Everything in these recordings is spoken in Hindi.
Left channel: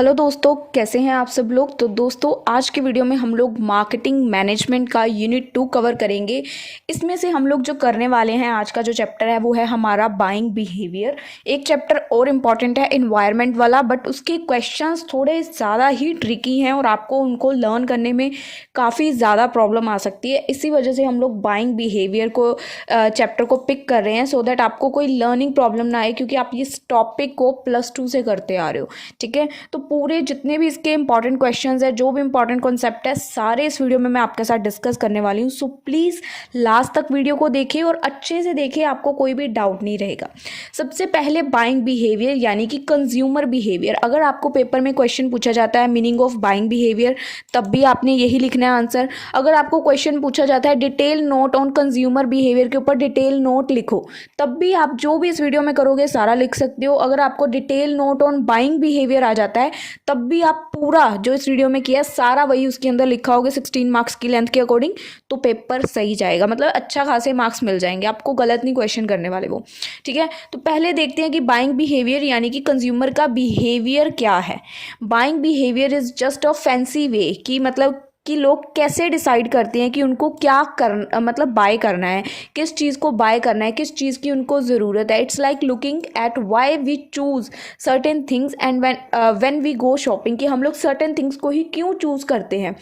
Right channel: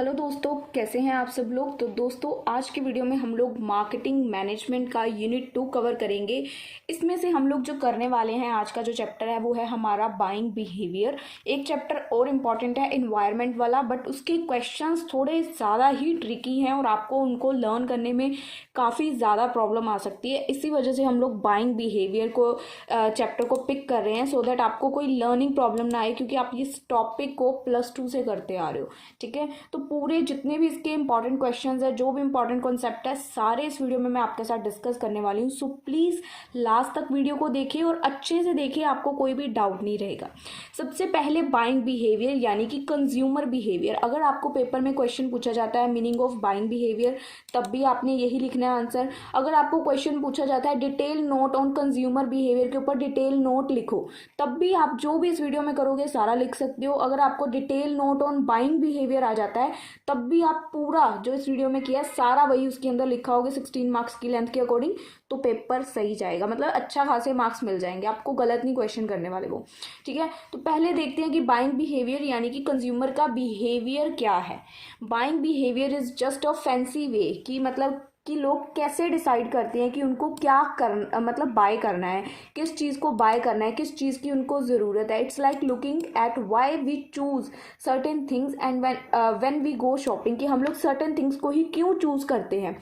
हेलो दोस्तों, कैसे हैं आप सब लोग। तो दोस्तों, आज की वीडियो में हम लोग मार्केटिंग मैनेजमेंट का यूनिट 2 कवर करेंगे। इसमें से हम लोग जो करने वाले हैं, आज का जो चैप्टर है वो है हमारा बाइंग बिहेवियर। एक चैप्टर और इम्पॉर्टेंट है इन्वायरमेंट वाला, बट उसके क्वेश्चंस थोड़े ज़्यादा ही ट्रिकी हैं और आपको उनको लर्न करने में काफ़ी ज़्यादा प्रॉब्लम आ सकती है। इसी वजह से हम लोग बाइंग बिहेवियर को चैप्टर को पिक कर रहे हैं, सो दैट आपको कोई लर्निंग प्रॉब्लम ना आए, क्योंकि आप इस टॉपिक को +2 से करते आ रहे हो। ठीक है, तो पूरे जितने भी इसके इंपॉर्टेंट क्वेश्चंस है, जो भी इंपॉर्टेंट कॉन्सेप्ट है, सारे इस वीडियो में मैं आपके साथ डिस्कस करने वाली हूँ। सो प्लीज़ लास्ट तक वीडियो को देखिए और अच्छे से देखिए, आपको कोई भी डाउट नहीं रहेगा। सबसे पहले बाइंग बिहेवियर यानी कि कंज्यूमर बिहेवियर। अगर आपको पेपर में क्वेश्चन पूछा जाता है मीनिंग ऑफ बाइंग बिहेवियर, तब भी आपने यही लिखना है आंसर। अगर आपको क्वेश्चन पूछा जाता है detail note on consumer behaviour के ऊपर डिटेल नोट लिखो, तब भी आप जो भी इस वीडियो में करोगे सारा लिख सकते हो। अगर आपको detail note on buying behaviour आ जाता है, तब भी आप पूरा जो इस वीडियो में किया सारा वही उसके अंदर लिखा होगा 16 मार्क्स की लेंथ के अकॉर्डिंग, तो पेपर सही जाएगा। मतलब अच्छा खासे मार्क्स मिल जाएंगे आपको, गलत नहीं क्वेश्चन करने वाले वो। ठीक है, तो पहले देखते हैं कि बाइंग बिहेवियर यानी कि कंज्यूमर का बिहेवियर क्या है। Buying behaviour is just a fancy way कि मतलब कि लोग कैसे डिसाइड करते हैं कि उनको क्या मतलब बाय करना है, किस चीज़ को बाय करना है, किस चीज़ की उनको ज़रूरत है। It's like looking at why we choose certain things and when we go shopping, कि हम लोग सर्टेन थिंग्स को ही क्यों चूज़ करते हैं।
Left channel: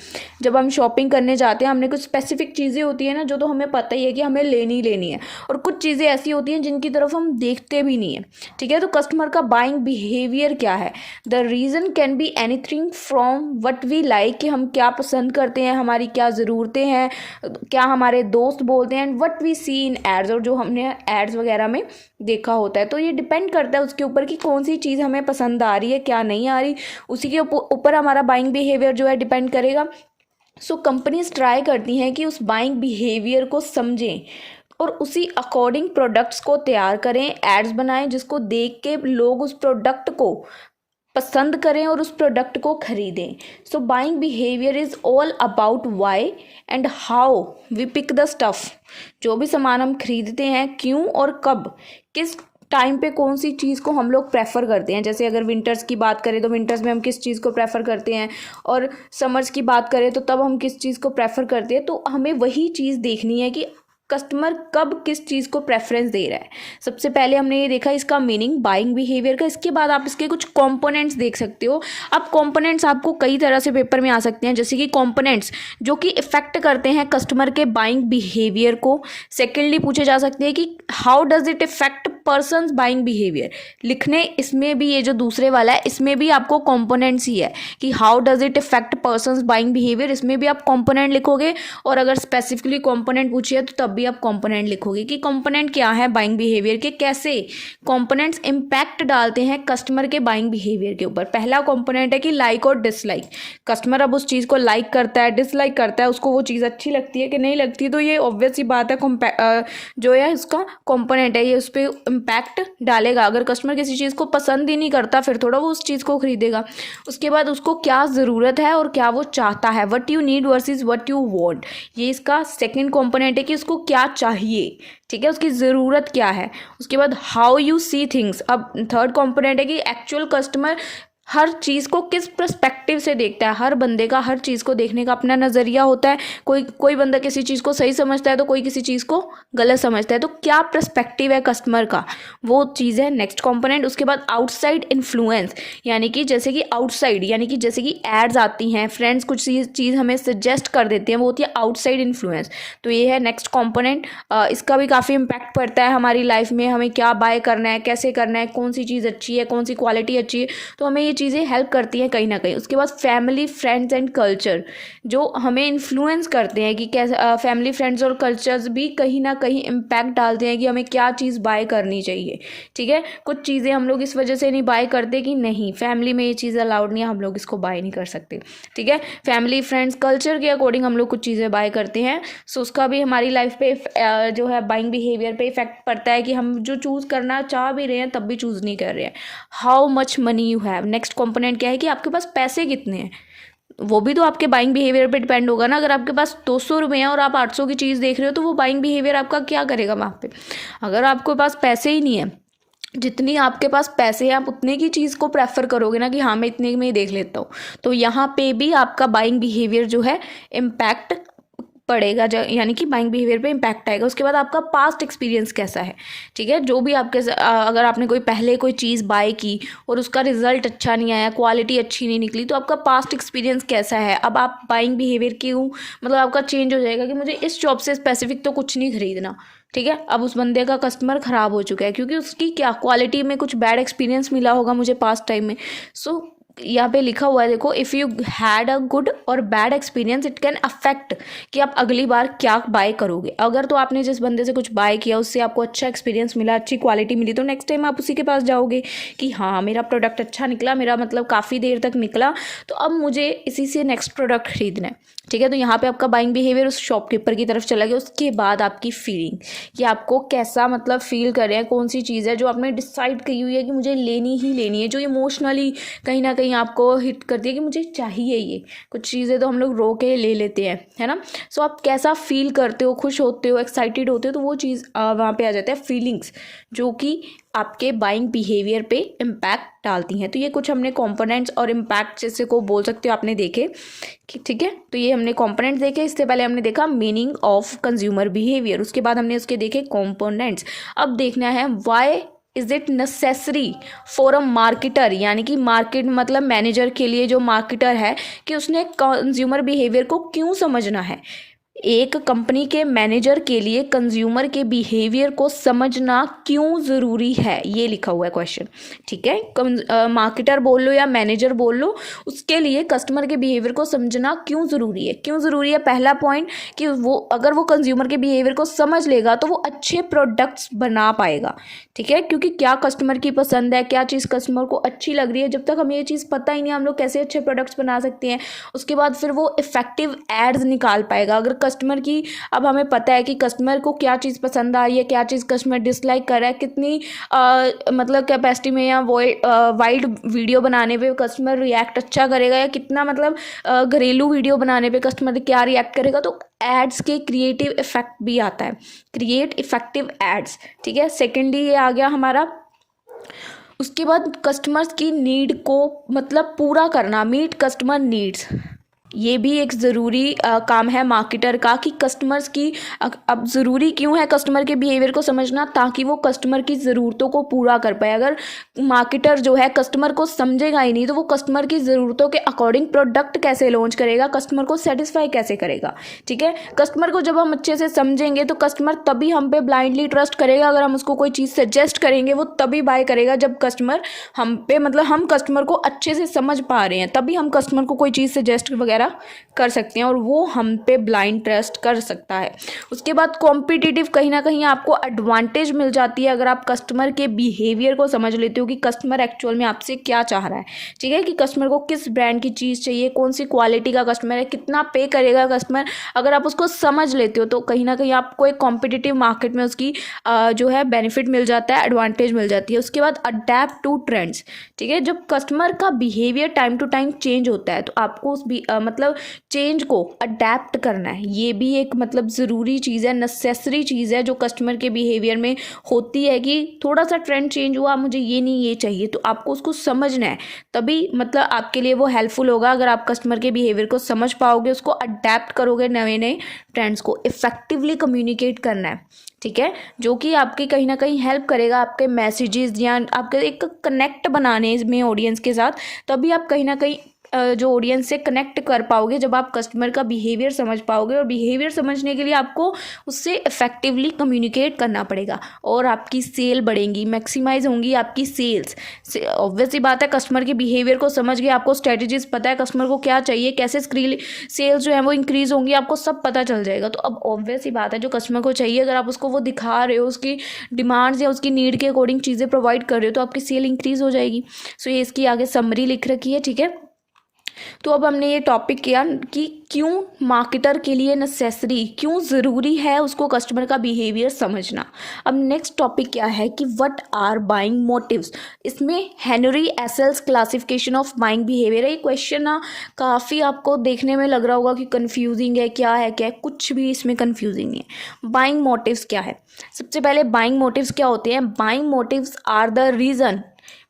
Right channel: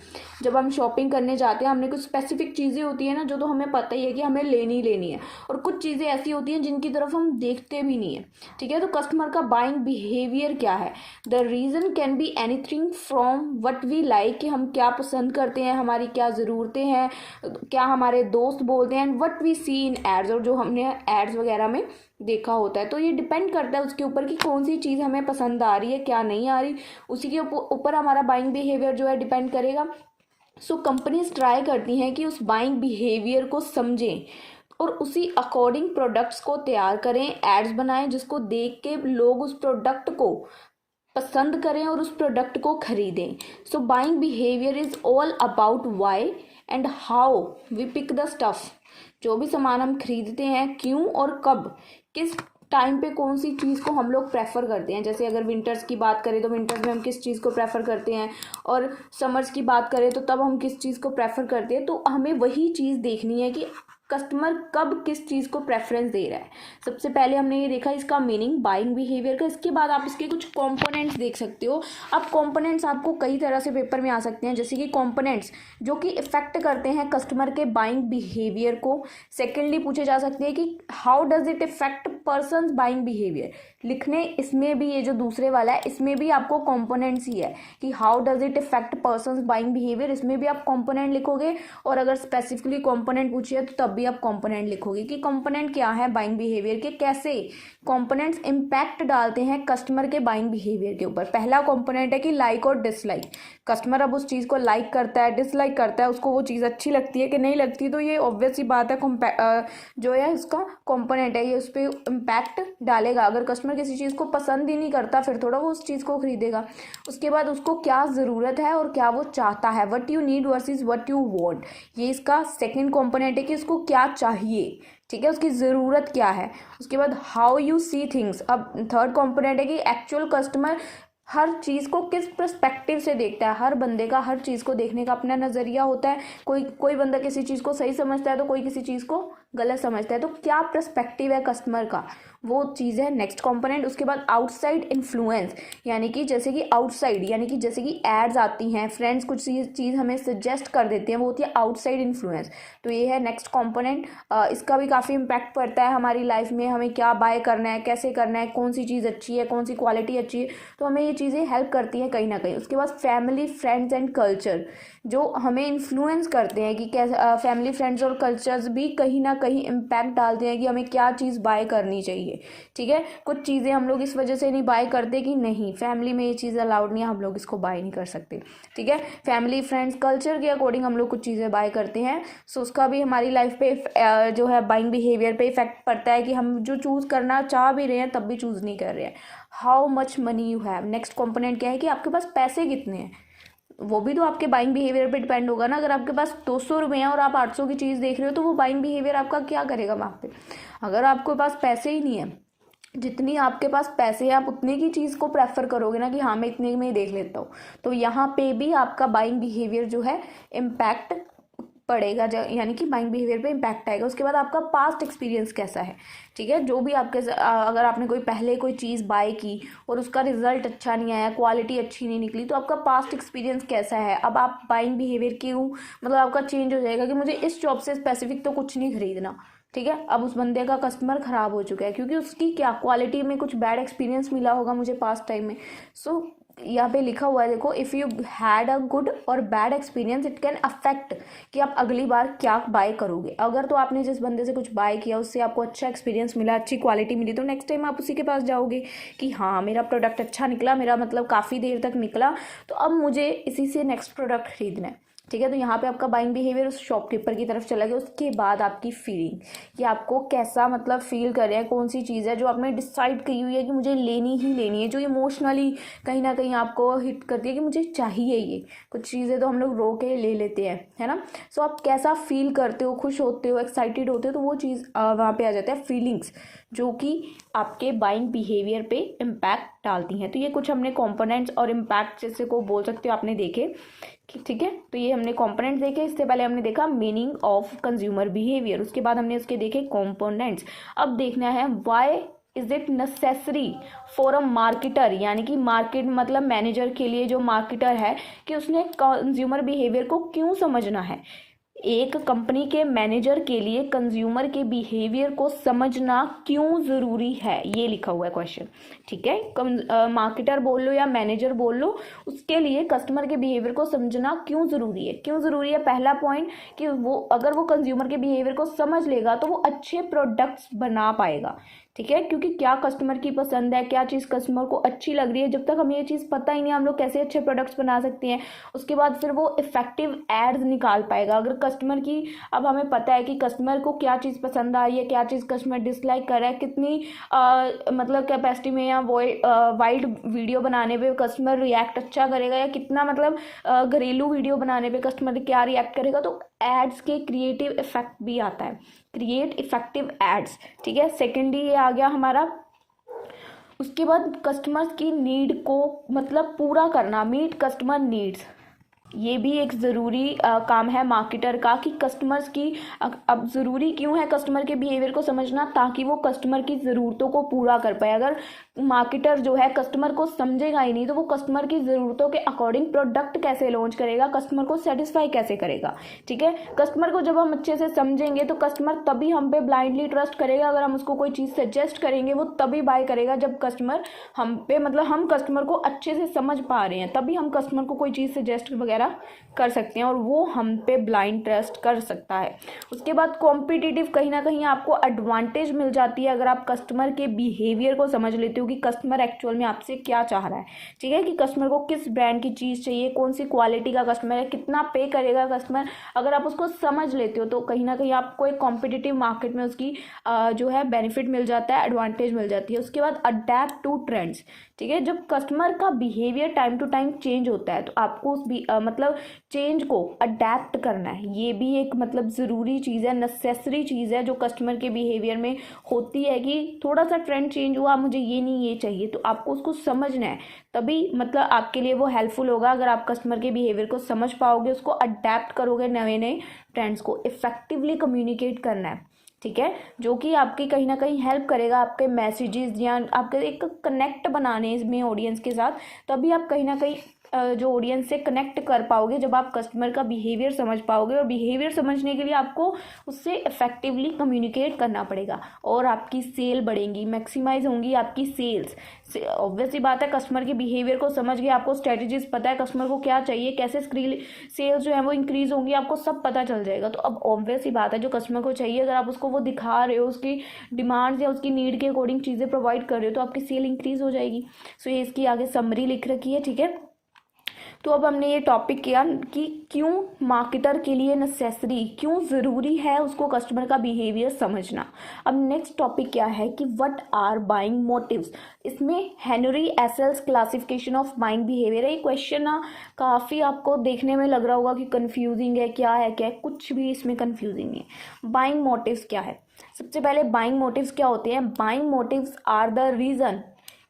जब हम शॉपिंग करने जाते हैं, हमने कुछ स्पेसिफिक चीज़ें होती हैं ना, जो तो हमें पता ही है कि हमें लेनी है, और कुछ चीज़ें ऐसी होती हैं जिनकी तरफ हम देखते भी नहीं है। ठीक है, तो कस्टमर का बाइंग बिहेवियर क्या है। The reason can be anything from what we like, कि हम क्या पसंद करते हैं, हमारी क्या ज़रूरतें हैं, क्या हमारे दोस्त बोलते हैं, and what we see in ads, और जो हमने एड्स वगैरह में देखा होता है। तो ये डिपेंड करता है उसके ऊपर कि कौन सी चीज़ हमें पसंद आ रही है, क्या नहीं आ रही, उसी के ऊपर हमारा बाइंग बिहेवियर जो है डिपेंड करेगा। सो कंपनीज ट्राई करती हैं कि उस बाइंग बिहेवियर को समझें और उसी अकॉर्डिंग प्रोडक्ट्स को तैयार करें, एड्स बनाएं, जिसको देख के लोग उस प्रोडक्ट को पसंद करें और उस प्रोडक्ट को खरीदें। So buying behaviour is all about why and how we pick the stuff. जो भी सामान हम खरीदते हैं, क्यों और कब, किस टाइम पे कौन सी चीज़ को हम लोग प्रेफर करते हैं। जैसे अगर विंटर्स की बात करें तो विंटर्स में हम किस चीज़ को प्रेफर करते हैं, और समर्स की बात करें तो तब हम किस चीज़ को प्रेफर करते हैं। तो हमें वही चीज़ देखनी है कि कस्टमर कब किस चीज़ को प्रेफरेंस दे रहा है। सबसे पहले हमने ये देखा इसका मीनिंग बाइंग बिहेवियर का। इसके बाद आप इसके कुछ कंपोनेंट्स देख सकते हो। अब कंपोनेंट्स आपको कई तरह से पेपर में आ सकते हैं, जैसे कि कंपोनेंट्स जो कि इफेक्ट करते हैं कस्टमर के बाइंग बिहेवियर को। सेकेंडली पूछे जा सकते हैं कि how does it effect persons buying behaviour. लिखने इसमें भी, ये जो दूसरे वाला है इसमें भी आपको कंपोनेंट्स ही है कि how does it effect persons buying behaviour, इसमें भी आप कंपोनेंट लिखोगे। और अगर स्पेसिफिकली कंपोनेंट पूछिए तो तब भी आप कंपोनेंट लिखोगे कि कंपोनेंट क्या है बाइंग बिहेवियर के, कैसे कंपोनेंट्स इंपैक्ट डालते हैं कस्टमर के बाइंग बिहेवियर के ऊपर। पहला कंपोनेंट है कि लाइक और डिसलाइक। कस्टमर अब उस चीज़ को लाइक करता है, डिसलाइक करता है, उसको वो चीज़ अच्छी लगती है कि नहीं लगती, तो ये ऑब्वियस सी बात है जो है इसका कंपोनेंट है, ये उस पर इम्पैक्ट डालेगा। अगर कस्टमर किसी चीज़ को पसंद ही नहीं करता, फिर थोड़ा वो उस चीज़ को खरीदेगा। उसके बाद उसको क्या ज़रूरत है और क्या वो चाहता है, what you need versus what you want, ये इसका सेकंड कंपोनेंट है कि उसको क्या चाहिए। ठीक है, उसकी ज़रूरत क्या है। उसके बाद हाउ यू सी थिंग्स। अब थर्ड कंपोनेंट है कि एक्चुअल कस्टमर हर चीज़ को किस पर्सपेक्टिव से देखता है। हर बंदे का हर चीज़ को देखने का अपना नज़रिया होता है। कोई बंदा किसी चीज़ को सही समझता है तो कोई किसी चीज़ को गलत समझता है। तो क्या पर्सपेक्टिव है कस्टमर का, वो चीज़ है नेक्स्ट कंपोनेंट। उसके बाद आउटसाइड इन्फ्लुएंस, यानी कि जैसे कि आउटसाइड, यानी कि जैसे कि एड्स आती हैं, फ्रेंड्स कुछ चीज़ हमें सजेस्ट कर देते हैं, वो होती है आउटसाइड इन्फ्लुएंस। तो ये है नेक्स्ट कंपोनेंट। इसका भी काफ़ी इम्पैक्ट पड़ता है हमारी लाइफ में, हमें क्या बाय करना है, कैसे करना है, कौन सी चीज़ अच्छी है, कौन सी क्वालिटी अच्छी है, तो हमें ये चीज़ें हेल्प करती हैं कहीं ना कहीं। उसके बाद फैमिली, फ्रेंड्स एंड कल्चर, जो हमें इन्फ्लुएंस करते हैं कि कैसे फैमिली, फ्रेंड्स और कल्चर्स भी कहीं ना कहीं इम्पैक्ट डालते हैं कि हमें क्या चीज़ बाय करनी चाहिए। ठीक है, कुछ चीज़ें हम लोग इस वजह से नहीं बाय करते कि नहीं फैमिली में ये चीज़ अलाउड नहीं है, हम लोग इसको बाय नहीं कर सकते। ठीक है, फैमिली, फ्रेंड्स, कल्चर के अकॉर्डिंग हम लोग कुछ चीज़ें बाय करते हैं। सो उसका भी हमारी लाइफ पे जो है बाइंग बिहेवियर पे इफेक्ट पड़ता है कि हम जो चूज़ करना चाह भी रहे हैं तब भी चूज़ नहीं कर रहे हैं। How much money you have, next component क्या है कि आपके पास पैसे कितने हैं, वो भी तो आपके बाइंग बिहेवियर पे डिपेंड होगा ना। अगर आपके पास 200 रुपये हैं और आप 800 की चीज़ देख रहे हो, तो वो बाइंग बिहेवियर आपका क्या करेगा वहाँ पे। अगर आपके पास पैसे ही नहीं है जितनी आपके पास पैसे हैं आप उतने की चीज़ को प्रेफर करोगे ना कि हाँ मैं इतने में ही देख लेता हूँ। तो यहाँ पे भी आपका बाइंग बिहेवियर जो है इम्पैक्ट पड़ेगा, यानी कि बाइंग बिहेवियर पे इम्पैक्ट आएगा। उसके बाद आपका पास्ट एक्सपीरियंस कैसा है, ठीक है। जो भी आपके अगर आपने पहले कोई चीज़ बाय की और उसका रिजल्ट अच्छा नहीं आया, क्वालिटी अच्छी नहीं निकली, तो आपका पास्ट एक्सपीरियंस कैसा है। अब आप बाइंग बिहेवियर क्यों मतलब आपका चेंज हो जाएगा कि मुझे इस शॉप से स्पेसिफिक तो कुछ नहीं खरीदना, ठीक है। अब उस बंदे का कस्टमर ख़राब हो चुका है क्योंकि उसकी क्या क्वालिटी में कुछ बैड एक्सपीरियंस मिला होगा मुझे पास्ट टाइम में। सो यहाँ पे लिखा हुआ है देखो, if you had a good or bad experience it can affect कि आप अगली बार क्या बाय करोगे। अगर तो आपने जिस बंदे से कुछ बाय किया उससे आपको अच्छा एक्सपीरियंस मिला, अच्छी क्वालिटी मिली, तो नेक्स्ट टाइम आप उसी के पास जाओगे कि हाँ मेरा प्रोडक्ट अच्छा निकला, मेरा मतलब काफ़ी देर तक निकला, तो अब मुझे इसी से नेक्स्ट प्रोडक्ट खरीदना है, ठीक है। तो यहाँ पे आपका बाइंग बिहेवियर उस शॉपकीपर की तरफ चला गया। उसके बाद आपकी फीलिंग कि आपको कैसा मतलब फील कर रहे हैं, कौन सी चीज़ है जो आपने डिसाइड की हुई है कि मुझे लेनी ही लेनी है, जो इमोशनली कहीं ना कहीं आपको हिट करती है कि मुझे चाहिए ये। कुछ चीज़ें तो हम लोग रो के ले लेते हैं, है ना। सो आप कैसा फील करते हो, खुश होते हो, एक्साइटेड होते हो, तो वो चीज़ वहाँ पे आ जाता है फीलिंग्स, जो कि आपके बाइंग बिहेवियर पे इम्पैक्ट डालती हैं। तो ये कुछ हमने कंपोनेंट्स और इम्पैक्ट जैसे को बोल सकते हो आपने देखे कि, ठीक है। तो ये हमने कंपोनेंट्स देखे, इससे पहले हमने देखा मीनिंग ऑफ कंज्यूमर बिहेवियर, उसके बाद हमने उसके देखे कंपोनेंट्स। अब देखना है why is it necessary for a marketer, यानी कि मार्केट मतलब मैनेजर के लिए जो मार्केटर है कि उसने कंज्यूमर बिहेवियर को क्यों समझना है। एक कंपनी के मैनेजर के लिए कंज्यूमर के बिहेवियर को समझना क्यों ज़रूरी है, ये लिखा हुआ है क्वेश्चन, ठीक है। मार्केटर बोल लो या मैनेजर बोल लो, उसके लिए कस्टमर के बिहेवियर को समझना क्यों ज़रूरी है। क्यों ज़रूरी है, पहला पॉइंट कि वो अगर वो कंज्यूमर के बिहेवियर को समझ लेगा तो वो अच्छे प्रोडक्ट्स बना पाएगा, ठीक है। क्योंकि क्या कस्टमर की पसंद है, क्या चीज़ कस्टमर को अच्छी लग रही है, जब तक हमें ये चीज़ पता ही नहीं हम लोग कैसे अच्छे प्रोडक्ट्स बना सकते हैं। उसके बाद फिर वो इफेक्टिव एड्स निकाल पाएगा। अगर कस्टमर की, अब हमें पता है कि कस्टमर को क्या चीज़ पसंद आ रही है, क्या चीज़ कस्टमर डिसलाइक कर रहा है, कितनी मतलब कैपेसिटी में या वाइड वीडियो बनाने पे कस्टमर रिएक्ट अच्छा करेगा, या कितना मतलब घरेलू वीडियो बनाने पे कस्टमर क्या रिएक्ट करेगा। तो एड्स के क्रिएटिव इफेक्ट भी आता है, क्रिएट इफेक्टिव एड्स, ठीक है। सेकेंडली ये आ गया हमारा। उसके बाद कस्टमर्स की नीड को मतलब पूरा करना, मीट कस्टमर नीड्स, ये भी एक ज़रूरी काम है मार्केटर का कि कस्टमर्स की अब ज़रूरी क्यों है कस्टमर के बिहेवियर को समझना, ताकि वो कस्टमर की ज़रूरतों को पूरा कर पाए। अगर मार्केटर जो है कस्टमर को समझेगा ही नहीं तो वो कस्टमर की ज़रूरतों के अकॉर्डिंग प्रोडक्ट कैसे लॉन्च करेगा, कस्टमर को सेटिस्फाई कैसे करेगा, ठीक है। कस्टमर को जब हम अच्छे से समझेंगे तो कस्टमर तभी हम पे ब्लाइंडली ट्रस्ट करेगा। अगर हम उसको कोई चीज़ सजेस्ट करेंगे वो तभी बाय करेगा जब कस्टमर हम पे मतलब हम कस्टमर को अच्छे से समझ पा रहे हैं, तभी हम कस्टमर को कोई चीज़ सजेस्ट वगैरह कर सकते हैं और वो हम पे ब्लाइंड ट्रस्ट कर सकता है। उसके बाद कॉम्पिटिटिव, कहीं ना कहीं आपको एडवांटेज मिल जाती है अगर आप कस्टमर के बिहेवियर को समझ लेते हो कि कस्टमर एक्चुअल में आपसे क्या चाह रहा है, ठीक है। कि कस्टमर को किस ब्रांड की चीज़ चाहिए, कौन सी क्वालिटी का कस्टमर है, कितना पे करेगा कस्टमर, अगर आप उसको समझ लेते हो तो कहीं ना कहीं आपको एक कॉम्पिटिटिव मार्केट में उसकी जो है बेनिफिट मिल जाता है, एडवांटेज मिल जाती है। उसके बाद अडेप्ट टू ट्रेंड्स, ठीक है। जब कस्टमर का behaviour time to time change होता है तो आपको उस मतलब चेंज को अडेप्ट करना है। ये भी एक मतलब ज़रूरी चीज़ है, नेसेसरी चीज़ है जो कस्टमर के बिहेवियर में होती है कि थोड़ा सा ट्रेंड चेंज हुआ, मुझे ये नहीं ये चाहिए, तो आपको उसको समझना है, तभी मतलब आपके लिए वो हेल्पफुल होगा। अगर आप कस्टमर के बिहेवियर को समझ पाओगे, उसको अडेप्ट करोगे, नए नए ट्रेंड्स को इफेक्टिवली कम्युनिकेट करना है, ठीक है। जो कि आपकी कहीं ना कहीं हेल्प करेगा आपके मैसेजेस या आपके एक कनेक्ट बनाने में ऑडियंस के साथ, तभी आप कहीं ना कहीं जो ऑडियंस से कनेक्ट कर पाओगे जब आप कस्टमर का बिहेवियर समझ पाओगे। और बिहेवियर समझने के लिए आपको उससे इफेक्टिवली कम्युनिकेट करना पड़ेगा और आपकी सेल बढ़ेंगी, मैक्सिमाइज होंगी आपकी सेल्स। ऑब्वियस सी बात है, कस्टमर के बिहेवियर को समझ के आपको स्ट्रेटजीज पता है, कस्टमर को क्या चाहिए, कैसे सेल्स जो है वो इंक्रीज होंगी, आपको सब पता चल जाएगा। तो अब ऑब्वियस सी बात है, जो कस्टमर को चाहिए अगर आप उसको वो दिखा रहे हो, उसकी डिमांड्स या उसकी नीड के अकॉर्डिंग चीज़ें प्रोवाइड कर रहे हो, तो आपकी सेल इंक्रीज हो जाएगी। सो ये इसकी आगे समरी लिख रखी है, ठीक है। तो अब हमने ये टॉपिक किया कि क्यों मार्केटर के लिए नेसेसरी, क्यों ज़रूरी है उसको कस्टमर का बिहेवियर समझना। अब नेक्स्ट टॉपिक क्या है कि व्हाट आर बाइंग मोटिव्स। इसमें Henry Assael's classification of buying behaviour है। ये क्वेश्चन ना काफ़ी आपको देखने में लग रहा होगा कि कन्फ्यूजिंग है, क्या है क्या है, कुछ भी इसमें कन्फ्यूजिंग नहीं है। बाइंग मोटिव्स क्या है? सबसे पहले बाइंग मोटिव्स क्या होते हैं? Buying motives are the reason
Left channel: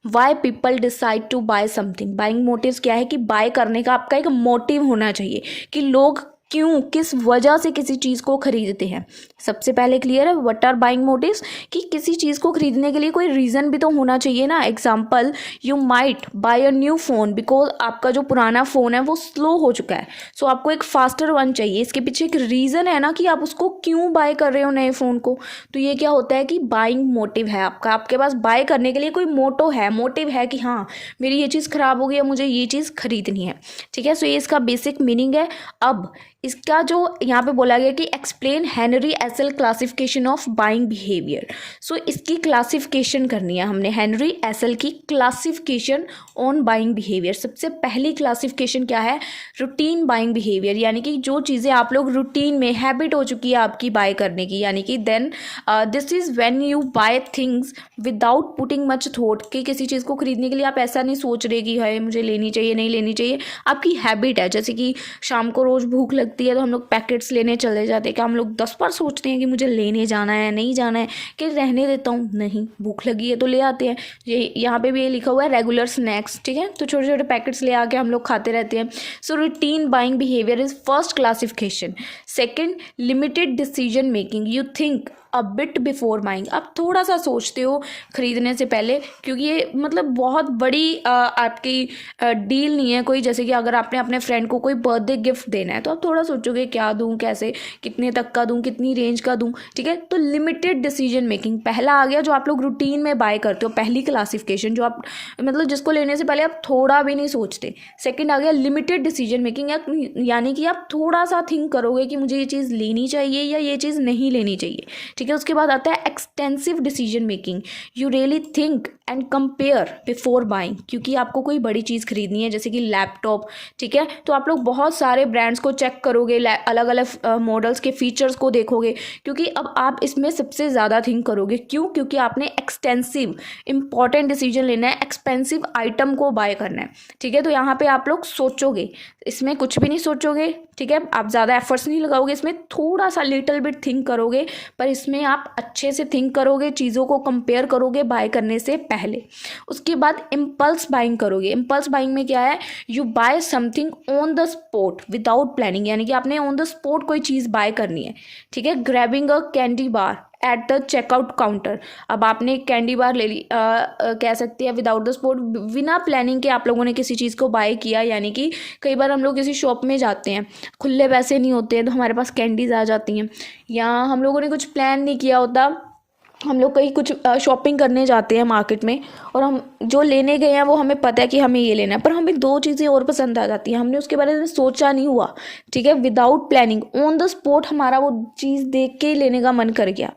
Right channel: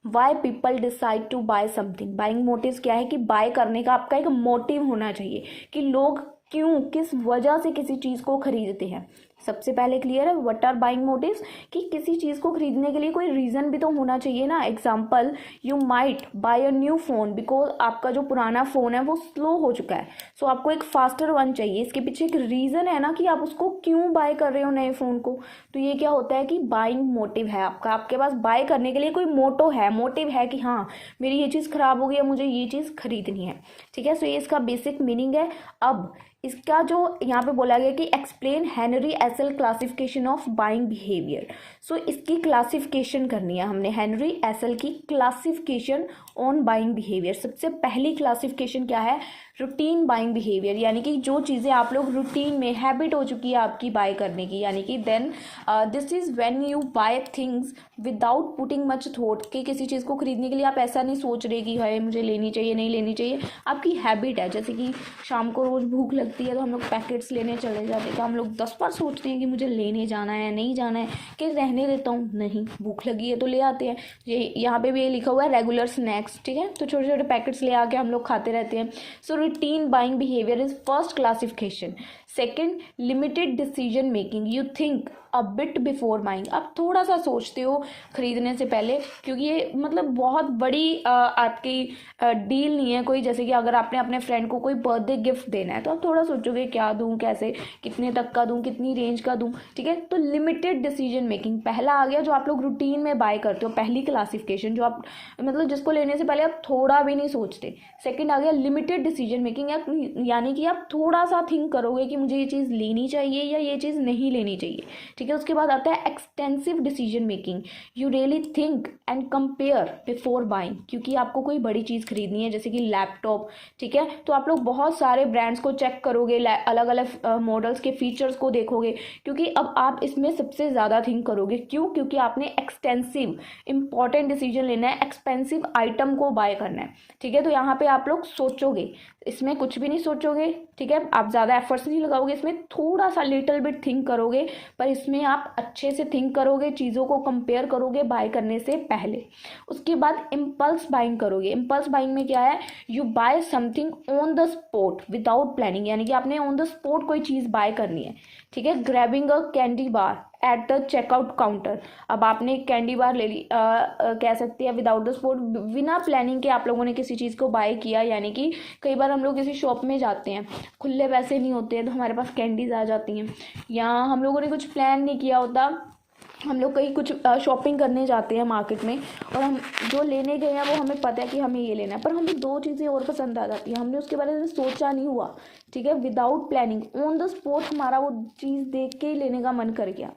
why people decide to buy something. Buying motives क्या है कि बाय करने का आपका एक मोटिव होना चाहिए कि लोग क्यों, किस वजह से किसी चीज़ को खरीदते हैं। सबसे पहले क्लियर है व्हाट आर बाइंग मोटिव्स, कि किसी चीज़ को खरीदने के लिए कोई रीज़न भी तो होना चाहिए ना। Example, you might buy a new phone because आपका जो पुराना फ़ोन है वो स्लो हो चुका है, सो आपको एक फास्टर वन चाहिए। इसके पीछे एक रीज़न है ना कि आप उसको क्यों बाय कर रहे हो नए फ़ोन को। तो ये क्या होता है कि बाइंग मोटिव है आपका, आपके पास बाय करने के लिए कोई मोटिव है कि हाँ मेरी ये चीज़ ख़राब हो गई है, मुझे ये चीज़ खरीदनी है। ठीक है, सो ये इसका बेसिक मीनिंग है। अब इसका जो यहाँ पे बोला गया कि explain Henry Assael classification of buying behaviour. So इसकी क्लासिफिकेशन करनी है हमने, हेनरी एसल की क्लासिफिकेशन ऑन बाइंग बिहेवियर। सबसे पहली क्लासिफिकेशन क्या है? रूटीन बाइंग बिहेवियर, यानी कि जो चीज़ें आप लोग रूटीन में हैबिट हो चुकी है आपकी बाय करने की, यानी कि then this is when you buy things without putting much thought. कि किसी चीज़ को खरीदने के लिए आप ऐसा नहीं सोच रहे कि है मुझे लेनी चाहिए नहीं लेनी चाहिए, आपकी हैबिट है। जैसे कि शाम को रोज़ भूख लगती है तो हम लोग पैकेट्स लेने चले जाते हैं, क्या हम लोग 10 बार सोचते हैं कि मुझे लेने जाना है नहीं जाना है, कि रहने देता हूँ, नहीं भूख लगी है तो ले आते हैं। ये यहाँ पे भी ये लिखा हुआ है रेगुलर स्नैक्स। ठीक है, तो छोटे छोटे पैकेट्स ले आके हम लोग खाते रहते हैं। So routine buying behaviour is first classification. Second, limited decision making, you think a bit before buying. आप थोड़ा सा सोचते हो खरीदने से पहले, क्योंकि ये मतलब बहुत बड़ी आपकी डील नहीं है कोई। जैसे कि अगर आपने अपने फ्रेंड को कोई बर्थडे गिफ्ट देना है तो आप थोड़ा सोचोगे क्या दूं, कैसे, कितने तक का दूं, कितनी रेंज का दूं। ठीक है, तो लिमिटेड डिसीजन मेकिंग पहला आ गया, जो आप लोग रूटीन में बाय करते हो, पहली क्लासिफिकेशन, जो आप मतलब जिसको लेने से पहले आप थोड़ा भी नहीं सोचते। सेकेंड आ गया लिमिटेड डिसीजन मेकिंग, यानी कि आप थोड़ा सा थिंक करोगे कि मुझे ये चीज़ लेनी चाहिए या ये चीज़ नहीं लेनी चाहिए। ठीक है, उसके बाद आता है extensive decision making, you really think and compare before buying. क्योंकि आपको कोई बड़ी चीज़ खरीदनी है जैसे कि लैपटॉप, ठीक है, तो आप लोग बहुत सारे ब्रांड्स को चेक करोगे, अलग अलग मॉडल्स के फीचर्स को देखोगे, क्योंकि अब आप इसमें सबसे ज़्यादा थिंक करोगे। क्यों? क्योंकि आपने एक्सटेंसिव इंपॉर्टेंट डिसीजन लेना है, एक्सपेंसिव आइटम को बाय करना है। ठीक है, तो यहाँ पे आप लोग सोचोगे, इसमें कुछ भी नहीं सोचोगे। ठीक है, आप ज़्यादा एफर्ट्स नहीं लगाओगे, इसमें थोड़ा सा लिटिल बिट थिंक करोगे, पर इसमें आप अच्छे से थिंक करोगे, चीज़ों को कंपेयर करोगे बाय करने से पहले। उसके बाद इम्पल्स बाइंग करोगे। इम्पल्स बाइंग में क्या है? You buy something on the spot without planning, यानी कि आपने ऑन द स्पॉट कोई चीज़ बाय करनी है। ठीक है, grabbing a candy bar at the checkout counter. अब आपने कैंडी बार ले ली, कह सकते हैं विदाउट द स्पॉट, बिना प्लानिंग के आप लोगों ने किसी चीज़ को बाय किया। यानी कि कई बार हम लोग किसी शॉप में जाते हैं, खुले पैसे नहीं होते हैं तो हमारे पास कैंडीज आ जाती हैं, या हम लोगों ने कुछ प्लान नहीं किया होता, हम लोग कहीं कुछ शॉपिंग करने जाते हैं मार्केट में, और हम जो लेने गए हैं वो हमें पता है कि हमें ये लेना है, पर हमें दो चीज़ें और पसंद आ जाती हैं, हमने उसके बारे में सोचा नहीं हुआ। ठीक है, without planning on the spot हमारा वो चीज़ देख के ही लेने का मन कर गया,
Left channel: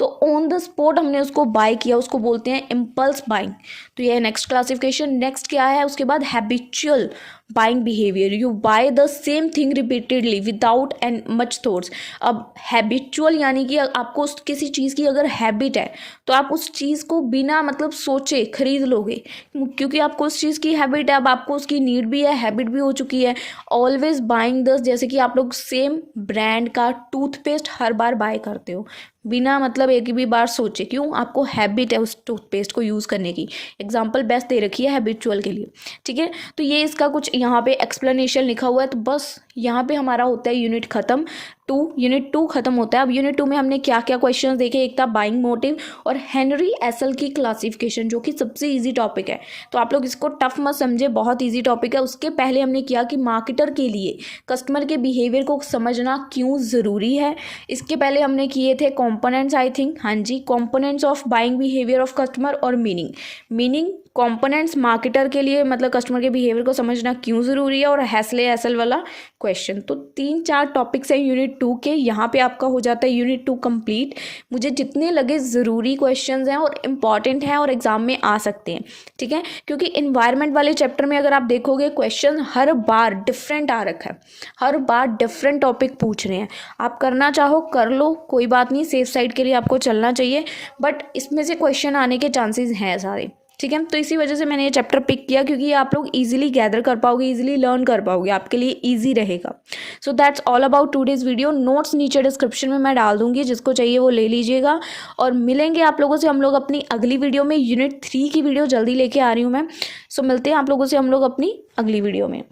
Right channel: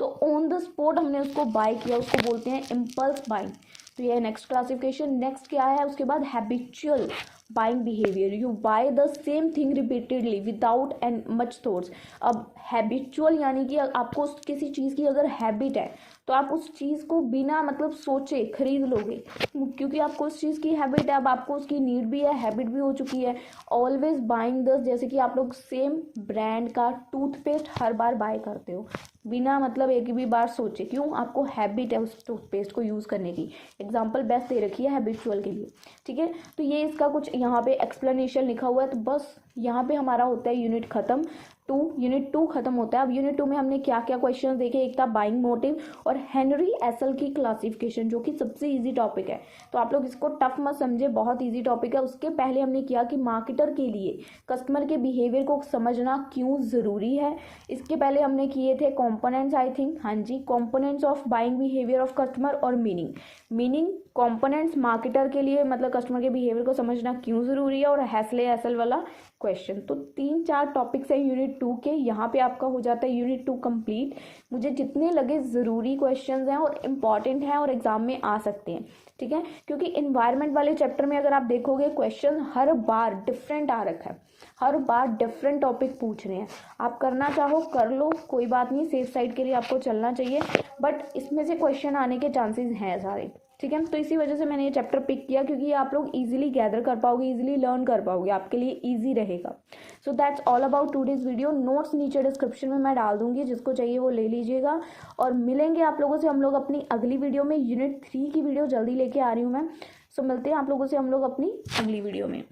तो ऑन द स्पॉट हमने उसको बाय किया, उसको बोलते हैं इम्पल्स बाइंग। तो ये नेक्स्ट क्लासिफिकेशन। नेक्स्ट क्या है उसके बाद? Habitual buying behaviour, you by the same thing repeatedly without and much thoughts. अब हैबिचुअल यानी कि आपको किसी चीज़ की अगर हैबिट है तो आप उस चीज़ को बिना मतलब सोचे खरीद लोगे, क्योंकि आपको उस चीज़ की हैबिट है, अब आपको उसकी नीड भी है, हैबिट भी हो चुकी है। ऑलवेज बाइंग द, जैसे कि आप लोग सेम ब्रांड का टूथपेस्ट हर बार बाय करते हो बिना मतलब एक भी बार सोचे, क्यों? आपको हैबिट है उस टूथपेस्ट को यूज़ करने की। एग्जाम्पल बेस्ट दे रखी है हैबिचुअल के लिए। ठीक है, तो ये इसका कुछ यहाँ पे एक्सप्लेनेशन लिखा हुआ है। तो बस यहाँ पे हमारा होता है यूनिट ख़त्म, यूनिट 2 खत्म होता है। अब यूनिट 2 में हमने क्या क्या क्वेश्चंस देखे, एक था बाइंग मोटिव और हेनरी एसल की क्लासिफिकेशन, जो कि सबसे इजी टॉपिक है, तो आप लोग इसको टफ मत समझे, बहुत इजी टॉपिक है। उसके पहले हमने किया कि मार्केटर के लिए कस्टमर के बिहेवियर को समझना क्यों ज़रूरी है। इसके पहले हमने किए थे कॉम्पोनेंट्स, आई थिंक, हाँ जी, components of buying behaviour of customer और मीनिंग कंपोनेंट्स मार्केटर के लिए मतलब कस्टमर के बिहेवियर को समझना क्यों ज़रूरी है, और हैसले एसल वाला क्वेश्चन। तो 3-4 टॉपिक्स हैं यूनिट 2 के, यहाँ पे आपका हो जाता है यूनिट 2 कंप्लीट। मुझे जितने लगे ज़रूरी क्वेश्चंस हैं और इम्पॉर्टेंट हैं और एग्जाम में आ सकते हैं, ठीक है, क्योंकि इन्वायरमेंट वाले चैप्टर में अगर आप देखोगे क्वेश्चन हर बार डिफरेंट आ रखा है, हर बार डिफरेंट टॉपिक पूछ रहे हैं। आप करना चाहो कर लो, कोई बात नहीं, सेफ साइड के लिए आपको चलना चाहिए, बट इसमें से क्वेश्चन आने के चांसेस हैं सारे, ठीक है। तो इसी वजह से मैंने ये चैप्टर पिक किया, क्योंकि आप लोग इजीली गैदर कर पाओगे, इजीली लर्न कर पाओगे, आपके लिए इजी रहेगा। So that's all about today's video. Notes नीचे डिस्क्रिप्शन में मैं डाल दूंगी, जिसको चाहिए वो ले लीजिएगा। और मिलेंगे आप लोगों से हम लोग अपनी अगली वीडियो में। यूनिट 3 की वीडियो जल्दी लेके आ रही हूँ मैं। सो मिलते हैं आप लोगों से हम लोग अपनी अगली वीडियो में।